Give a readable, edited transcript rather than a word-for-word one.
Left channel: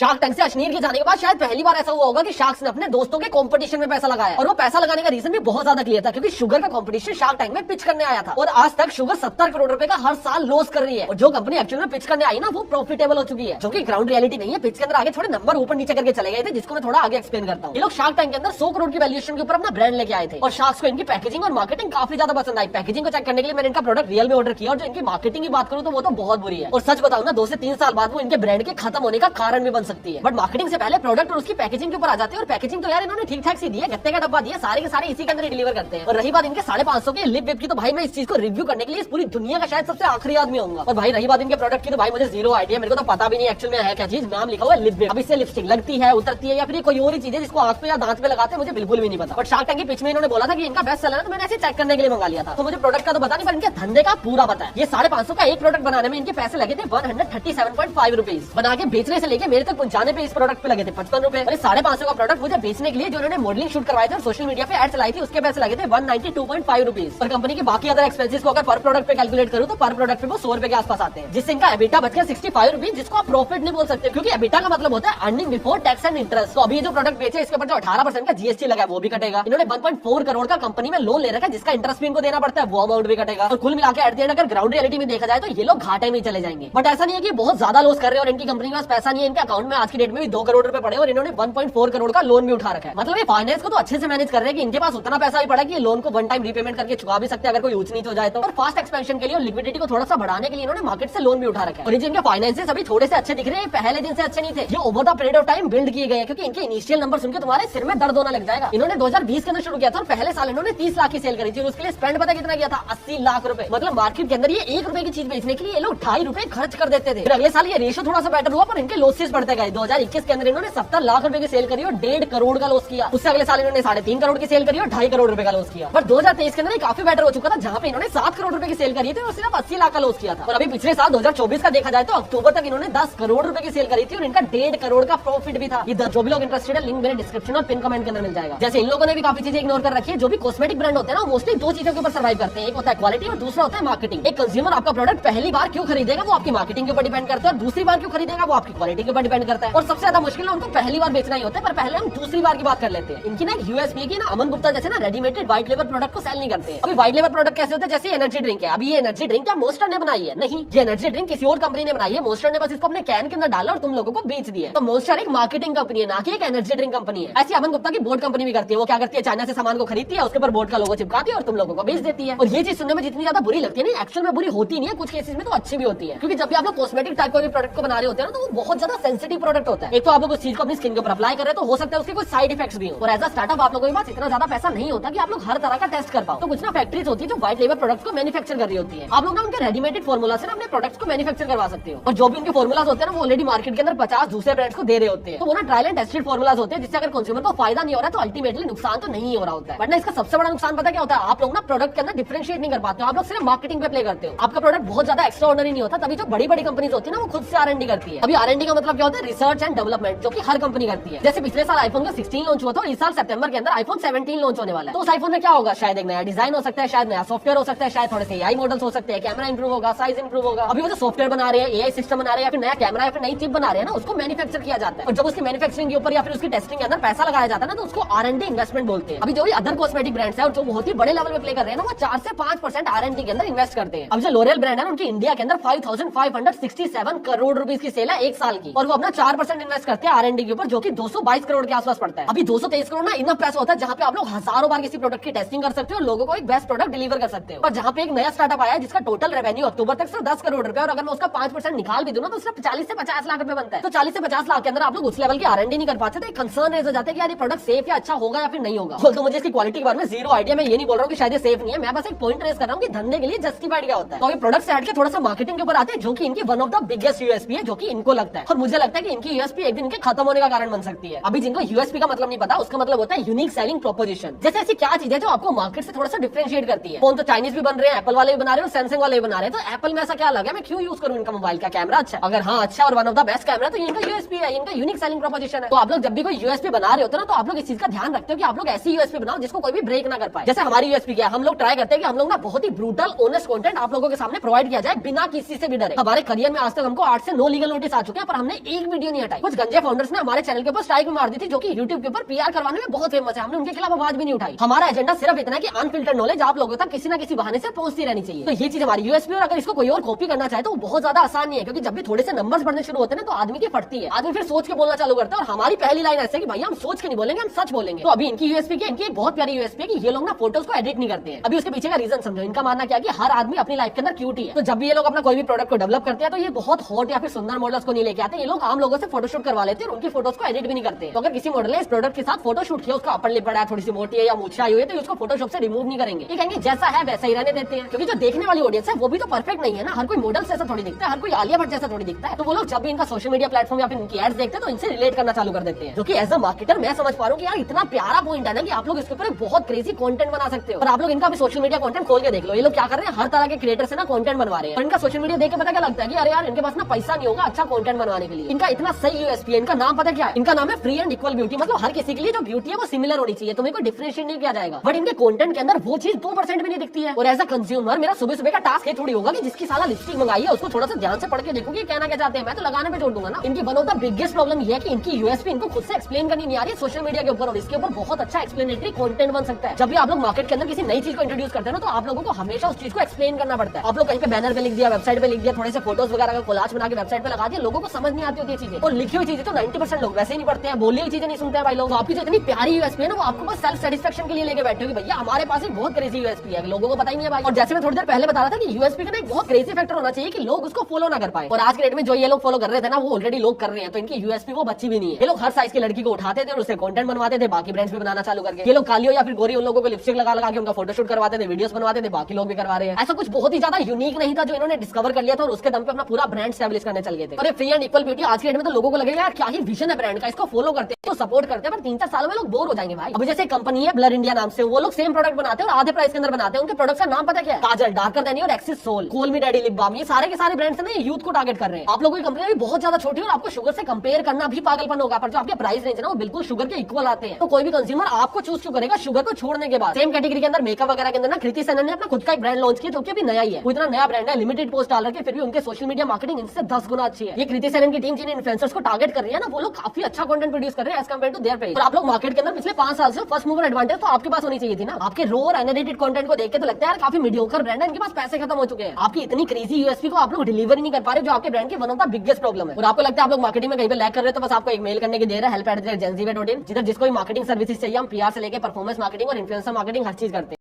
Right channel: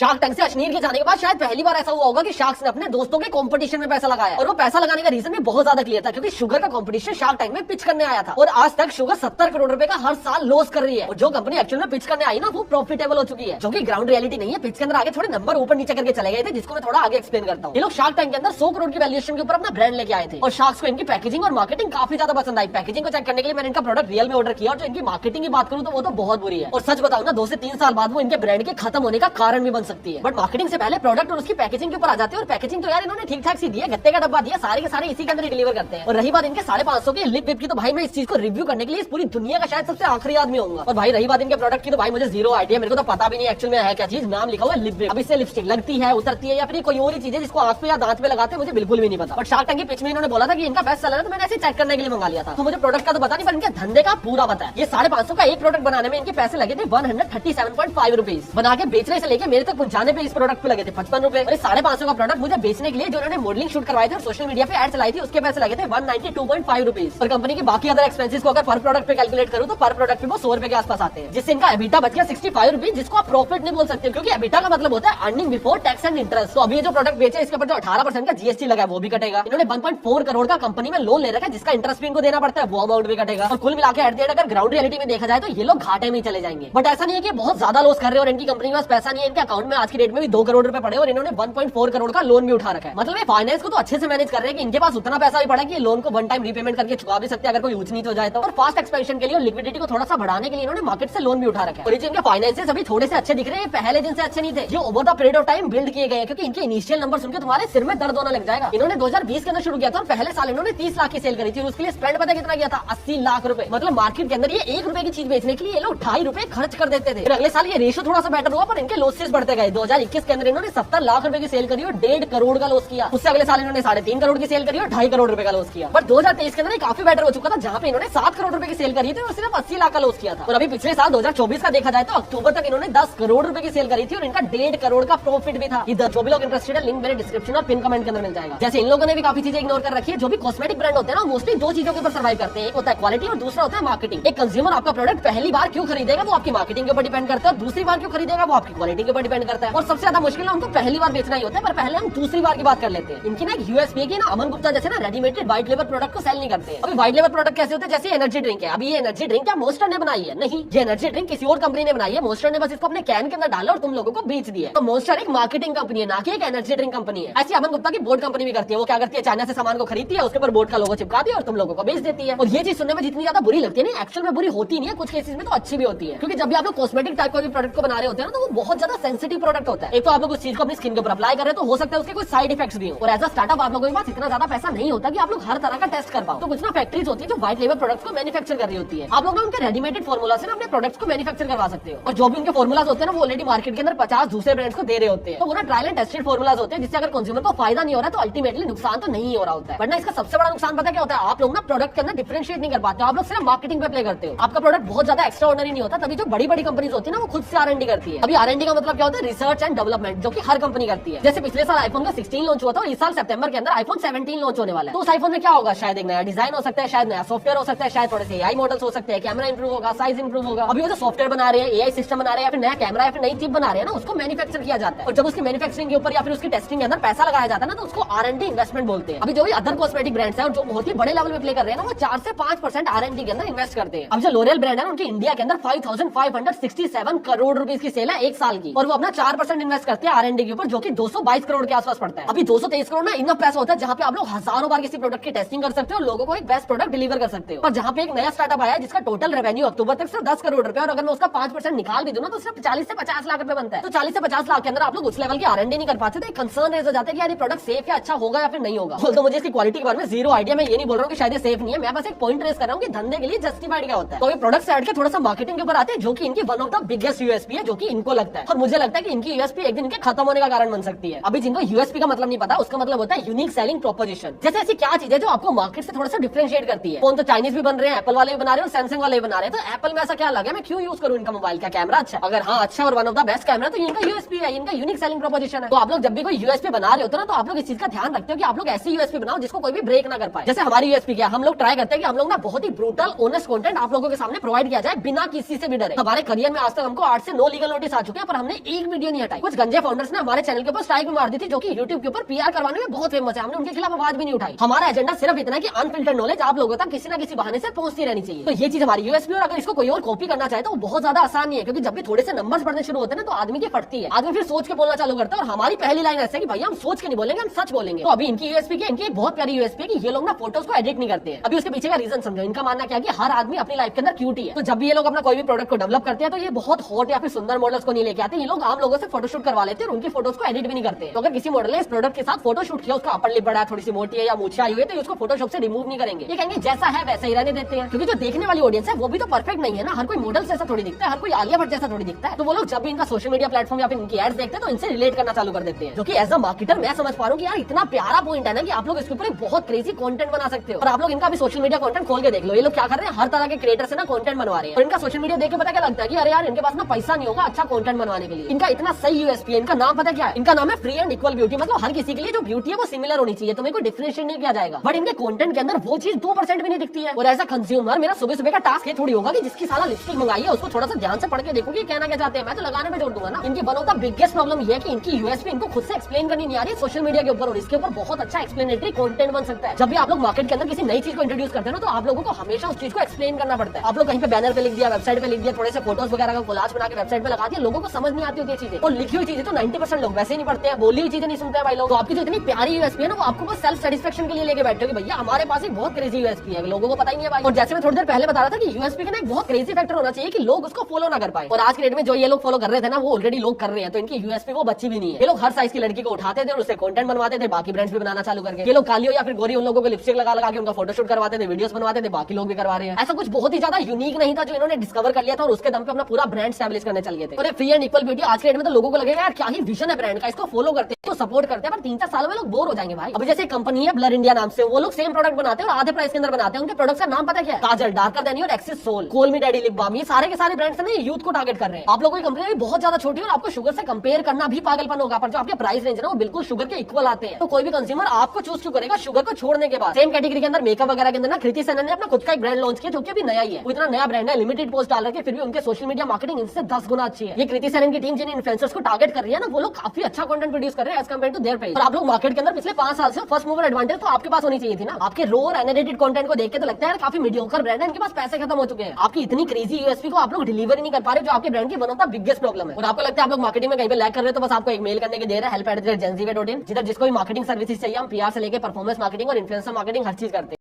Shark tank से अश्नीर के जाने के बाद शायद पहली बार ऐसा हुआ होगा कि शार्क्स ने अपने दोस्तों के कंपटीशन में पैसा लगाया, और वो पैसा लगाने का रीजन भी बहुत ज्यादा क्लियर था, क्योंकि शुगर का कंपटीशन शार्क टैंक में पिच करने आया था और आज तक शुगर 70 करोड़ रुपए का हर साल लॉस कर रही है। और जो कंपनी एक्चुअल में पिच करने आई ना वो प्रॉफिटेबल हो चुकी है, जो कि ग्राउंड रियलिटी नहीं है। पिच के अंदर आगे थोड़े नंबर ऊपर नीचे करके चले गए थे, जिसको मैं थोड़ा आगे एक्सप्लेन करता हूँ। ये लोग शार्क टैंक के अंदर 100 करोड़ की वैल्यूएशन के ऊपर अपना ब्रांड लेके आए थे और शार्क्स को इनकी पैकेजिंग और मार्केटिंग काफी ज्यादा पसंद आई। पैकेजिंग को चेक करने के लिए मैंने इनका प्रोडक्ट रियल में ऑर्डर किया, और जो इनकी मार्केटिंग की बात करूँ तो वो तो बहुत बुरी है। और सच बताऊं ना, 2 से 3 साल बाद वो इनके ब्रांड के खत्म होने का कारण भी बन सकती है। बट मार्केटिंग से पहले प्रोडक्ट और उसकी पैकेजिंग के ऊपर आ जाते हैं, और पैकेजिंग तो यार इन्होंने ठीक ठाक सी दी है, गत्ते का डब्बा दिया, सारे के सारे इसी के अंदर डिलीवर करते हैं। और रही बात इनके 550 के लिप विप की, तो भाई मैं इस चीज को रिव्यू करने के लिए इस पूरी दुनिया का शायद सबसे आखिरी आदमी होऊंगा। और भाई रही बात इनके प्रोडक्ट की, तो भाई मुझे जीरो आइडिया, मेरे को तो पता भी नहीं एक्चुअल में है क्या चीज। नाम लिखा हुआ है लिप विप। अब इससे लिपस्टिक लगती है, उतरती है, या फिर कोई और ही चीज है जिसको आंख पे या दांत पे लगाते हैं, मुझे बिल्कुल भी नहीं पता। बट शार्क टैंक की पिच में इन्होंने बोला था कि इनका बेस्ट सेलर है, तो मैंने ऐसे चेक करने के लिए मंगा लिया था। तो मुझे प्रोडक्ट का तो पता नहीं, पर इनके धंधे का पूरा पता है। ये 550 का एक प्रोडक्ट बनाने में इनके पैसे लगे थे 137.5 रुपीज। बना के बेचने से लेके मेरे तक पहुंचाने पे इस प्रोडक्ट पे लगे थे 55 रुपए। और 550 का प्रोडक्ट मुझे बेचने के लिए जो उन्होंने मॉडलिंग शूट करवाए थे और सोशल मीडिया पे एड चलाई थी, उसके पैसे लगे थे 192.5 रुपीज। और कंपनी के बाकी अदर एक्सपेंसेस को अगर पर प्रोडक्ट पे कैलकुलेट करूँ तो पर प्रोडक्ट पे वो 100 रुपए के आसपास आते हैं, जिससे इनका एबिटा बच गया 65 रुपीज, जिसको आप प्रॉफिट नहीं बोल सकते, क्योंकि एबिटा का मतलब होता है earning before tax and interest. तो अभी जो प्रोडक्ट बेचे इसके ऊपर जो 18% का जीएसटी लगा है वो भी कटेगा। इन्होंने 1.4 करोड़ का कंपनी में लोन ले रखा है, जिसका इंटरेस्ट भी इनको देना पड़ता है, वो अमाउंट भी कटेगा। और कुल मिलाकर एट द एंड अगर ग्राउंड रियलिटी में देखा जाए तो ये लोग घाटे में चले जाएंगे। बट ऐसा नहीं है कि बहुत ज्यादा लॉस कर रहे हैं और इनकी कंपनी के पास पैसा नहीं है। इनके अकाउंट में आज की डेट में भी 2 करोड़ रुपए पड़े और इन्होंने 1.4 करोड़ का लोन भी उठा रखा है। मतलब ये फाइनेंस को तो अच्छे से मैनेज कर रहे हैं कि इनके पास उतना पैसा भी पड़ा कि लोन को वन टाइम रीपेमेंट करके चुका भी सकते हैं अगर कोई ऊंच नीच हो जाए तो। और फास्ट एक्सपेंशन के लिए और लिक्विडिटी को थोड़ा सा बढ़ाने के लिए इन्होंने मार्केट से लोन भी उठा रखा है। और जिनके फाइनेंसेस अभी थोड़े से अच्छे दिख रहे हैं, पहले दिन से अच्छे नहीं थे, ये over the period of time build किए गए हैं, क्योंकि इनके इनिशियल नंबर सुनकर तुम्हारे सिर में दर्द होने लग जाएगा। इन्होंने 2020 के अंदर शुरू किया था और पहले साल इन्होंने 30 लाख की सेल करी थी और उसके लिए स्पेंड पता कितना किया था, 80 लाख रुपए। मतलब मार्केट के अंदर ये 1 रुपए की चीज बेचने के लिए ये लोग 2.5 रुपए खर्च कर देते थे। फिर अगले साल ये रेशो थोड़ा सा बेटर हुआ, पर इनके लॉसेस बढ़ते गए। 2021 के अंदर इन्होंने 70 लाख रुपए की सेल करी और 1.5 करोड़ का लॉस किया। उससे अगले साल इन्होंने 3.5 करोड़ की सेल करी और 2.5 करोड़ रुपए का लॉस किया। बट 2023 के अंदर काफी बेटर हो चुका था, जहां पे इन्होंने 7 करोड़ रुपए की सेल करी थी और सिर्फ 80 लाख का लॉस किया था। और अभी पिछले साल 2024 का देखा जाए तो अक्टूबर तक इन्होंने 10 करोड़ रुपए की सेल करी थी और इनका 1.5 करोड़ का प्रॉफिट भी था। जो भी लोग इंटरेस्टेड है, लिंक मेरे डिस्क्रिप्शन और पिन कमेंट के अंदर मिल जाएगा। जैसे इन लोगों ने भी काफी चीजें इग्नोर कर रखी है। जो भी कॉस्मेटिक ब्रांड होते हैं ना, मोस्टली 2 चीजों के ऊपर सर्वाइव करते हैं, एक होता है क्वालिटी और दूसरा होता है मार्केटिंग। एक कंज्यूमर आपका प्रोडक्ट पहली बार क्यों खरीदेगा वो आपकी मार्केटिंग के ऊपर डिपेंड करता है, और दूसरी बार क्यों खरीदेगा वो आपकी क्वालिटी के ऊपर डिपेंड करता है। और सबसे ज्यादा मुश्किल है उनको पहली बार बेचना ही होता है, पर पहले हम दूसरी बार की बात कर लेते हैं। इनकी ना यूएसपी की ना, अमन गुप्ता जैसे ना रेडीमेड व्हाइट लेबर प्रोडक्ट को सेल नहीं करते हैं। अभी व्हाइट लेबर प्रोडक्ट कैसे होते हैं, जैसे एनर्जी ड्रिंक है। अभी ये एनर्जी ड्रिंक क्या मॉन्स्टर ने बनाई है? नहीं, ये एनर्जी ड्रिंक किसी और कंपनी ने बनाई है। मॉन्स्टर ने बस इसको अपने कैन के अंदर डाला और तुम लोगों को बेच दिया। तो मॉन्स्टर एक मार्केटिंग कंपनी है, ना कि एक एनर्जी ड्रिंक कंपनी है। ऐसी अमन गुप्ता की बोर्ड कंपनी भी करती है। वो क्या करती है, चाइना से सामान को खरीदती है, उसके ऊपर बोर्ड का लोगो चिपका दिया और तुम लोगों को बेच देती है। और ये चीज सुनने में जितनी ज्यादा बुरी लगती है ना, एक्चुअल में बुरी होती नहीं है, कुछ केसेस में तो अच्छी भी होती है। क्योंकि जब भी आप लोग कॉस्मेटिक टाइप का प्रोडक्ट को बना रहे होते हैं ना, तो वो बहुत ज्यादा सेंसिटिव प्रोडक्ट होता है। एक तो आप लोग उस चीज को अपनी स्किन के ऊपर अप्लाई कर रहे हैं, तो हो सकता है उसके कुछ साइड इफेक्ट्स भी हो। और एज अ स्टार्टअप आप लोगों के पास इतना ज्यादा पैसा नहीं होता कि आप लोग हर तरह का टेस्ट कर पाओ। तो कुछ ना फैक्ट्रीज होती है जो व्हाइट लेबर प्रोडक्ट्स को मैन्युफैक्चर कर रही होती है। आप लोग ना उनके रेडीमेड फॉर्मूला से अपने प्रोडक्ट्स को मैन्युफैक्चर करवा सकते हो। और जो भी उनके फॉर्मूलाज होते हैं ना, वो ऑलरेडी मार्केट के अंदर 50 दूसरे ब्रांड्स को दे रहे होते हैं। तो वो ना ट्रायल एंड टेस्टेड फॉर्मूलाज होते हैं, जिससे अगर कंज्यूमर को फायदा नहीं हो रहा तो अल्टीमेटली नुकसान तो नहीं हो रहा होता है। वरना इसका सबसे बड़ा नुकसान पता क्या होता है, आप लोग ना प्रोडक्ट के अंदर डिफरेंशिएट नहीं कर पाते, आप लोग सिर्फ मार्केटिंग पे प्ले करते हो। आपका प्रोडक्ट बहुत ज्यादा एक्स्ट्रा ऑर्डिनरी नहीं होता। तभी जो बड़ी बड़ी कंपनीज होती है ना, वो खुद से R&D करती है। अभी R&D का मतलब क्या होता है, रिसर्च एंड डेवलपमेंट, जो कि हर कंपनी करती है। जैसे पिछले साल आईफोन का 16 लॉन्च हुआ था, इस साल सितंबर के अंदर आईफोन 17 लॉन्च होने वाला है। तो उस आईफोन में क्या होगा, शायद एक नया डिजाइन हो सकता है, शायद नया सॉफ्टवेयर हो सकता है, शायद थोड़े से AI मॉडल्स हो सकते हैं, कैमरा इंप्रूव होगा, साइज इंप्रूव होगा। अभी वो जो सॉफ्टवेयर बना रहे हैं, AI सिस्टम बना रहे हैं, या फिर नया कैमरा या फिर नई चिप बना रहे हैं ना, उसको मैन्युफैक्चर किया जाता है। और जब उसकी मैन्युफैक्चरिंग के ऊपर या फिर उसकी टेस्टिंग के अंदर पैसा लगाया जाता है ना, तो उसको R&D इन्वेस्टमेंट बोलते हैं। अभी जो भी अदर कॉस्मेटिक ब्रांड्स है और जो बहुत ही बड़े लेवल पे प्ले कर रहे हैं ना, वो 4 से 5% R&D के अंदर इन्वेस्ट करते हैं। अब जो लोरियल ब्रांड है उनकी इंडिया के अंदर 5567 करोड़ रुपीस की सेल है एक साल की, और वो अपना 4% इन्वेस्ट करते हैं R&D के ऊपर, जो कि 222 करोड़ के आसपास पड़ता है। अभी 223 करोड़ ना इनफ पैसा होता है, जहां पे आप लोग हजारों बार किसी प्रोडक्ट की टेस्टिंग कर सकते हो और लोगों को एक बेस्ट प्रोडक्ट डिलीवर कर सकते हो। और जहां पे एक नया स्टार्टअप आया है जिसका टोटल रेवेन्यू अक्टूबर तक सिर्फ 10 करोड़ रुपए, और अगर मैं उसका 5% निकाल भी दूं ना, तो सिर्फ 40 से 50 लाख रुपए बनता है। तो 40 से 50 लाख के अंदर आप लोग उस लेवल की R&D नहीं कर पाते, तो एक कंसर्न रेज हो जाता है कि यार ये प्रोडक्ट सेफ या अच्छा होगा या फिर नहीं होगा। तो मुझे इसकी क्वालिटी के बारे में जीरो आइडिया। मैं ये नहीं बोल रहा हूँ कि शायद ये सेफ नहीं है, मैं बस एक पॉइंट रेज कर रहा हूँ कि धंधे के लिए जस्टिफाइड क्या होता है। तो ये प्रोडक्ट से हट के थोड़ा सा मार्केटिंग के ऊपर आते हैं, जो कि इनकी one of the biggest USP है, जो कि इनको लगता है। और मुझे लगता है कि इनकी यूएसपी एक दिन इनके खत्म होने का कारण बन सकती है। अभी जिनको यूएसपी का मतलब नहीं पता, उसका मतलब होता है यूनिक सेलिंग प्रोपोजिशन। जैसे ऐसी क्या चीज है जो आपको मार्केट से थोड़ा सा डिफरेंशिएट करती है। फोन तो चाइनीज भी बन रहे हैं, एप्पल वाले भी बना रहे हैं और सैमसंग वाले भी बना रहे हैं। तो एप्पल में ऐसा क्या लगा, मैं क्यों यूज करूँ इनका मोबाइल का कैमरा अच्छा, अगर हाँ अच्छा और one of the best camera, तो इनका यूएसपी है, इनका यूनिक सेलिंग प्रोपोजिशन है। तो आप लोग जब भी कोई यूएसपी बना रहे होते हैं ना, तो आप लोग इस चीज का ध्यान रखते हो कि आप लोग ऐसी यूएसपी बनाओ जिसको कोई भी ब्रेक ना कर पाए। जैसे हमारी यूएसपी क्या, हम लोग ट्राई करते हैं कि हम लोग ना बहुत ही ब्रूटल ऑनेस्ट कंटेंट आप लोगों के सामने प्रोवाइड किया जाए बिना किसी से भी डरे। हमारे करियर में आज तक हमको 8 से 9 लीगल नोटिस आ चुके हैं, पर हमने एक भी वीडियो नहीं हटाई। कुछ गंजे फाउंडर्स ने हमारे चैनल के ऊपर स्ट्राइक भी मार दी थी, जो कि यूट्यूब के ऊपर पीआर करवाने में बहुत फेमस है। हमने उनके खिलाफ आवाज भी नहीं उठाई। हमारा एजेंडा सिर्फ इतना कि अनफिल्टर्ड नॉलेज आप लोगों तक किसी न किसी बहाने से पहुंचती रहनी चाहिए। तो ये चीज हमारी यूएसपी, और अगर इसको कोई और कॉपी करना चाहे तो वो बहुत ज्यादा आसान नहीं है, क्योंकि जब भी थोड़े से नंबर्स पढ़ने शुरू होते हैं तो आदमी की फटती है, आदमी फिर सोच के बोलना चालू करता है। और हमारी पहली लाइन ऐसे कि भाई हम सोच के नहीं बोलेंगे, हम सच बोलेंगे। तो अभी इनकी यूएसपी की, इनकी बहुत प्यारी यूएसपी है कि ये लोग ना फोटोज को एडिट नहीं करते हैं। अभी उसके पीछे का रीजन समझो। इनका मानना क्या है कि हर आदमी अपनी लाइफ के अंदर क्यूट ही है। तो जब भी ये लोग अपना कोई भी प्रोडक्ट को डेवलप करते हैं तो ये बहुत हॉट या फिर सुंदर मॉडल्स को नहीं लेके आते। ये लोग आम लोगों से फोटोशूट करवा लेते हैं और उनकी फोटोज को एडिट भी नहीं करते। तो अगर किसी मॉडल ने इस प्रोडक्ट के साथ फोटोशूट किया, उसका अपर लिप बड़ा है, थोड़ी सी मोटी है या मूछें आई हुई है, तो उसको फोटोशॉप से रिमूव नहीं करेंगे। ये कहेंगे जैसा है वैसा ही रहने देते हैं, क्योंकि जो देखने वाली ऑडियंस है वो भी तो परफेक्ट नहीं है ना। हर कोई मॉडल जैसा थोड़ी दिखता है, हर कोई आलिया भट्ट जैसा थोड़ी दिखता है। तो वो लोग जब भी इनका सोशल मीडिया प्लेटफॉर्म या फिर इनकी एड्स देखते हैं तो इनसे रिलेट करना चालू कर देते हैं। जो कि एज अ मार्केटर मैं समझ पा रहा हूँ कि यार इतना प्यारा पॉइंट है ना कि आप लोग इसके ऊपर बहुत क्रेजी कंटेंट बना सकते हो। और आप लोग इनका भी सोशल मीडिया कंटेंट खोल के देख लो, ये लोग क्या कर रहे हैं, हर तरह के क्रिएटर से ना कंटेंट बनवा रहे हैं। और इनका सोशल मीडिया देख के पता क्या लगता है कि अरे यार इनके पास ना पैसा नहीं होगा अच्छा कंटेंट बनवाने के लिए। इनका इतना सही यूएसपी है। इनका नाम पता क्या है? इनका नाम है फ्री एंड इक्वल ब्यूटी। मतलब हर किसी के लिए जो ब्यूटी है वो सिमिलर होनी चाहिए, तुम्हें कोई डिफरेंशिएट नहीं किया जाएगा। बट इनके कंटेंट के अंदर वो चीज 2% भी नहीं दिखती है। और एज अ कंज्यूमर मेरा सुबह सुबह का टास्क ये थोड़ी होगा कि जिसकी साला लिपस्टिक मंगाई है उसको थोड़ा सा ध्यान से पढ़ के देखूंगी कहना क्या चाहते हैं, मैं तो लगाने पे जोड़ दूंगा ना। इनकी one of the biggest problem ये है कि इनकी यूएसपी इनको खुद से एक्सप्लेन करनी नहीं आ रही सोशल मीडिया के ऊपर, और इसके ऊपर बहुत अच्छा एक्सप्लेनेटरी कंटेंट बन सकता है। जब भी आप लोग मार्केट के अंदर किसी नई चीज को इंट्रोड्यूस करते हैं ना, तो आप लोगों को हमेशा उस चीज को एक्सप्लेन करना पड़ता है। आप लोग कहीं पे बैनर पे लिख दिया, वेबसाइट पे लिख दिया, थोड़े से फोटोज वगैरह का कोलाज बना के वेबसाइट पे लगा दिया, लोगों को समझ नहीं आती होती चीजें। और लिखी हुई चीजें तो 90% लोग वैसे ही नहीं पढ़ते हैं, बोली हुई चीजें नहीं सुनते हैं भाई लोग। तो आपकी जो इतनी प्यारी यूएसपी है ना, वो आपको बस सेल्फ सेटिस्फेक्शन के लिए लेके बैठे हो कि भैया हमारे पास एक बहुत क्रेजी यूएसपी है, लोगों को पता ही नहीं है भाई। और जैसे मैं थोड़ी देर पहले बता रहा था कि यूएसपी का ना एक बहुत क्रेजी फैक्टर होना चाहिए कि लोग उसको फॉलो ना कर पाए। और आज के डेट में जो ये लोग फॉलो कर रहे थे ना, वो ऑलरेडी लोग कर रहे हैं, तो इनकी यूएसपी वो बच्ची भी नहीं है। ये लोग हर साइज की लड़की को उठाते थे और उससे कंटेंट बनवाते थे, बाकी ब्रांड्स भी बनाना चालू करके। ये लोग काली हो या फिर गोरी उन लोगों को लिपस्टिक लगा लगा के उनका फोटोशूट करवाते थे, वीडियोस बनवाते थे, बाकी लोग भी करवा रहे हैं। ऐसा कुछ बहुत ही ज्यादा यूनिक नहीं था जो इन्होंने डिस्कवर कर लिया था और उसके दम पे अपना पूरा ब्रांड स्टैब्लिश करने चल गए थे। और ये फ्री एंड इक्वल ब्यूटी आज के डेट में तो लोगों को लगेगा यार क्या ही विजन है ब्रांड का, इसको फॉलो करते हैं तो सपोर्ट करते हैं, पर 3-4 सालों में लोग बोर हो जाएंगे भाई। अभी जैसे कंपनी है ब्लर इंडिया नाम से, वो लोग सेम प्रोडक्ट बनाते हैं और आधे प्राइस के अंदर बनाते हैं। उनके प्रोडक्ट का नाम पता क्या है? काजल, डार्कर देनी और एक्सिस सोल, कोल मी डैडी लिप बाम। ये सारे के सारे ब्रांड्स हैं, यूथ को टारगेट कर रहे हैं। आप लोगों की कंपनी भी बहुत ज्यादा छोटी है और आपको शुगर से कंपेयर करना भी पागलपन होगा, पर जो आपके प्राइस रेंज है ना वो बिल्कुल शुगर के इक्वल आते हैं। तो कोई भी कंज्यूमर आपको चूज क्यों करेगा शुगर को छोड़ने के बाद? सेम कैटेगरी के अंदर मेकअप वगैरह के अंदर ना कृति सेनन ने अपना खुद का एक ब्रांड लॉन्च किया जो कि अभी नया ही है। वो इतना नया ब्रांड है, लिमिटेड पोस्ट डाल रखे हैं, फिर भी उनके सोशल मीडिया मार्केटिंग इनसे 10 गुना अच्छी है। ये कृति सेनन की टीम जिन इन्फ्लुएंसर्स को टारगेट कर रही है ना, वो लोग काफी अच्छा कंटेंट प्रोड्यूस कर रहे हैं as compare to their page. और आप लोग मार्केट के अंदर पिछले 5 साल से फर्स्ट मूवर एडवांटेज तो आपके पास होनी चाहिए थी ना। आपके रो और एनालिटिक कंटेंट को देख के तो लगता है यार काफी मीडियोकर ब्रांड है, इनके पास पैसे खत्म हो चुके हैं। आपकी इतनी क्रेजी यूएसपी को आप लोग डिलीवर ही नहीं कर पा रहे, जो आपके ब्रांड की one of the biggest problem है। और आपको लगता है आप लोग मार्केटिंग में कहीं पे लैग कर रहे हो, तो बस आपको एक मेल करने की देर है, help@genziway.in, जिधर जिसको भी मार्केटिंग सर्विसेज चाहिए हम पीआर से लेकर परफॉर्मेंस मार्केटिंग और इन्फ्लुएंसर मार्केटिंग हर चीज करते हैं।